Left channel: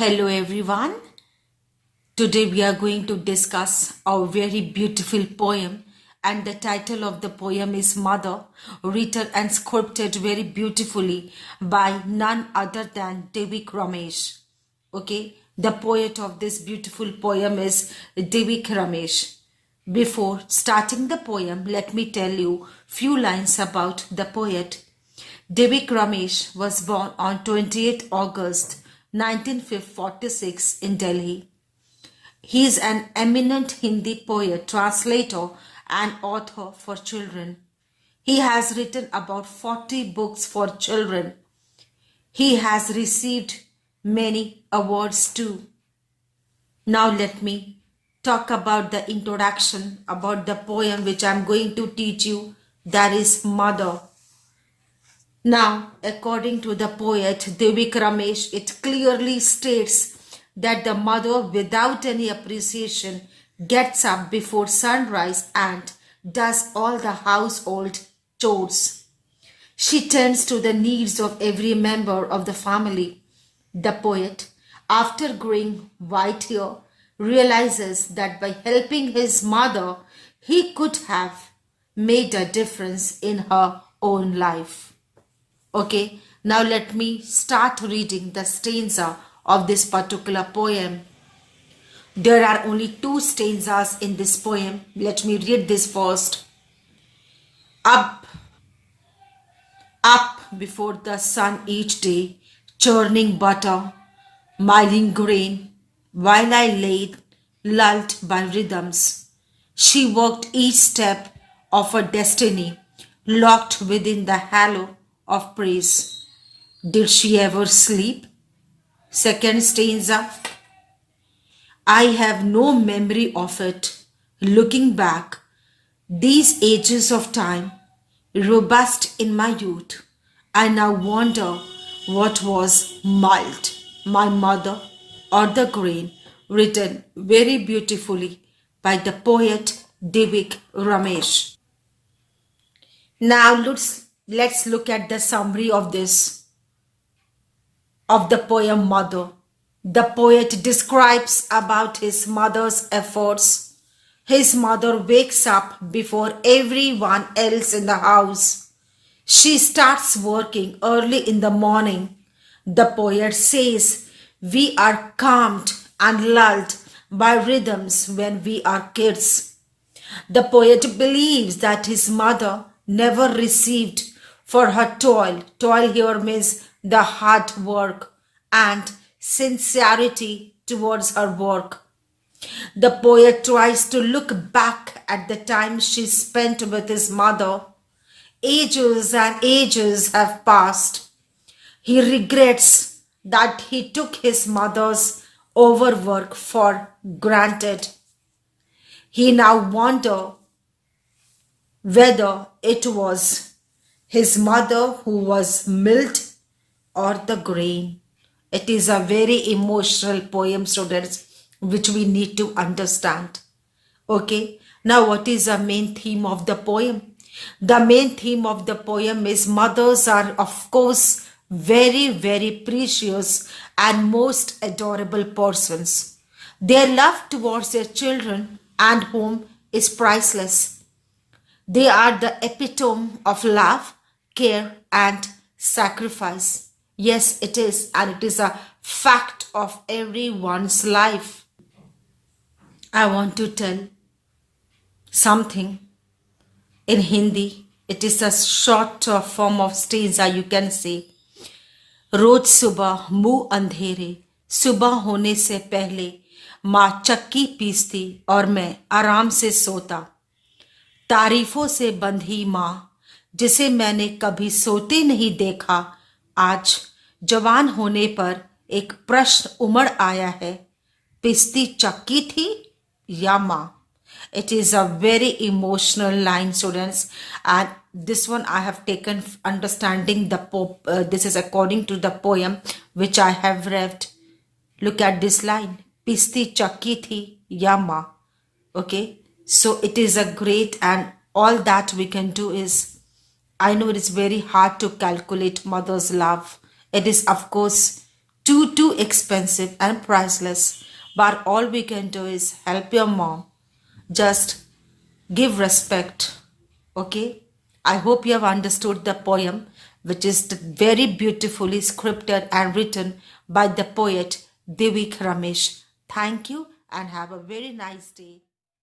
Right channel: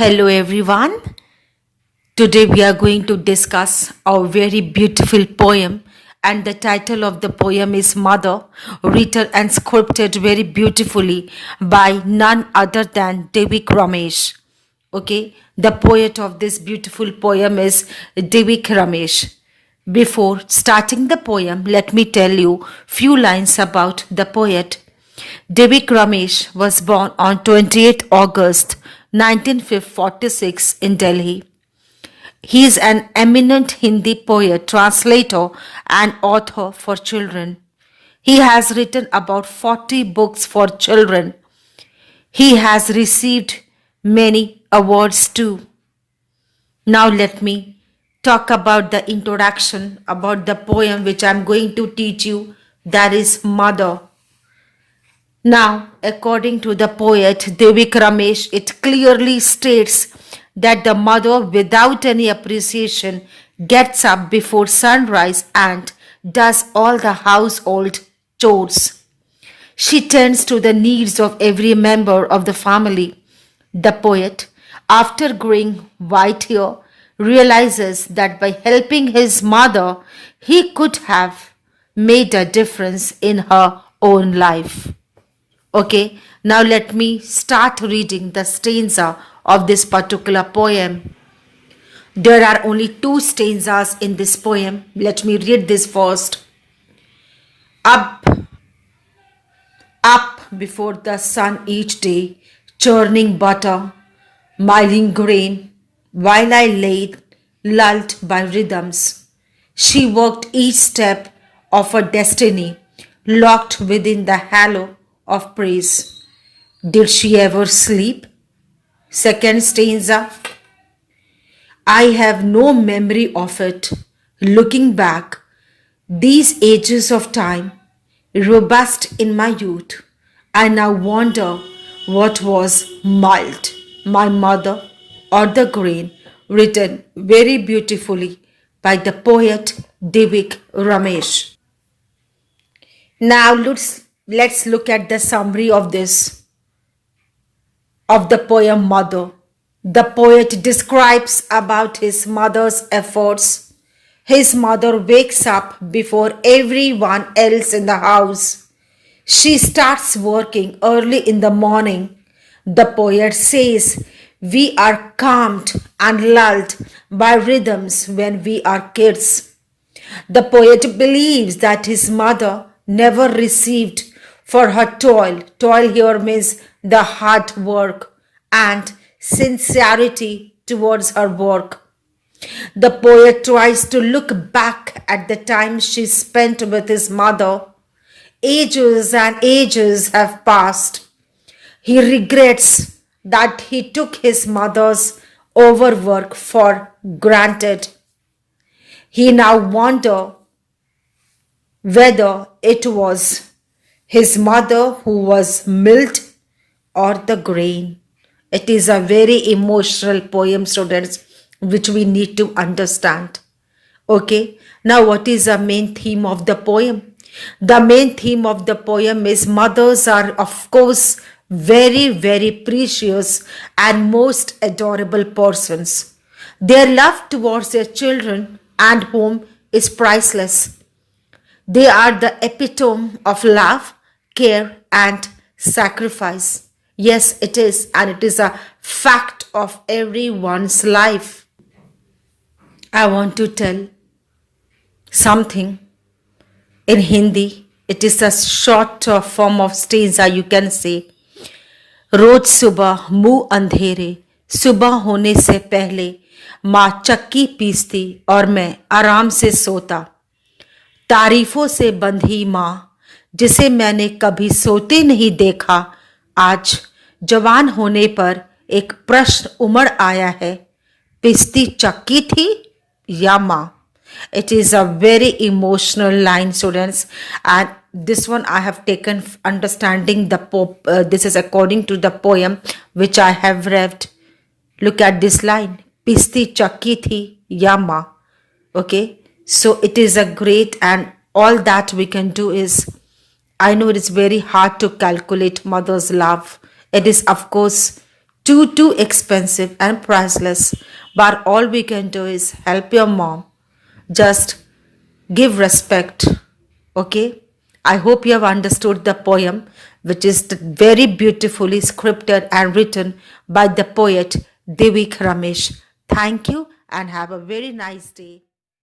Hello everyone. Today we are going to discuss a very beautiful poem, and the title of the poem is Mother, written and sculpted very beautifully by none other than Devik Ramesh. Okay, the poet of this beautiful poem is Devik Ramesh. Before starting the poem, let me tell you few lines about the poet. Devik Ramesh was born on 28th August 1946 in Delhi. He is an eminent Hindi poet, translator, and author for children. He has written about 40 books for children. He has received many awards too. Now, let me talk about the introduction about the poem which I am going to teach you, that is Mother. Now, according to the poet Devik Ramesh, it clearly states that the mother, without any appreciation, gets up before sunrise and does all the household chores. She tends to the needs of every member of the family. The poet, after growing white hair, realizes that by helping his mother, he could have made a difference in her own life. Okay, now let me start reading the stanza of this particular poem. There are only two stanzas in this poem. Let me read this first. Up, up before the sun each day, churning butter, miling grain, while I lay lulled by rhythms. She worked each step of her destiny, locked within the halo of praise. Did she ever sleep? Second stanza. I have no memory of it. Looking back, these ages of time, robust in my youth, I now wonder what was mild, my mother or the grain, written very beautifully by the poet Devik Ramesh. Now let's look at the summary of the poem Mother. The poet describes about his mother's efforts. His mother wakes up before everyone else in the house. She starts working early in the morning. The poet says we are calmed and lulled by rhythms when we are kids. The poet believes that his mother never received for her toil. Toil here means the hard work and sincerity towards her work. The poet tries to look back at the time she spent with his mother. Ages and ages have passed. He regrets that he took his mother's overwork for granted. He now wonders whether it was his mother who was milled or the grain. It is a very emotional poem, students, which we need to understand. Okay, now what is the main theme of the poem? The main theme of the poem is mothers are, of course, very, very precious and most adorable persons. Their love towards their children and home is priceless. They are the epitome of love, care, and sacrifice. Yes, it is, and it is a fact of everyone's life. I want to tell something in Hindi. It is a short form of stanza, you can say. रोज सुबह मुंह अंधेरे, सुबह होने से पहले माँ चक्की पीसती और मैं आराम से सोता. तारीफों से बंधी माँ जिसे मैंने कभी सोते नहीं देखा, आज जवान होने पर एक प्रश्न उमड़ आया है, पिसती चक्की थी या माँ. It is a very emotional line, students, and this one I have taken understanding the this is according to the poem which I have read. Look at this line, pisti chakki thi ya ma. Okay, so it is a great, and all that we can do is, I know it is very hard to calculate mother's love. It is, of course, too expensive and priceless. But all we can do is help your mom. Just give respect. Okay? I hope you have understood the poem, which is very beautifully scripted and written by the poet Devik Ramesh. Thank you and have a very nice day.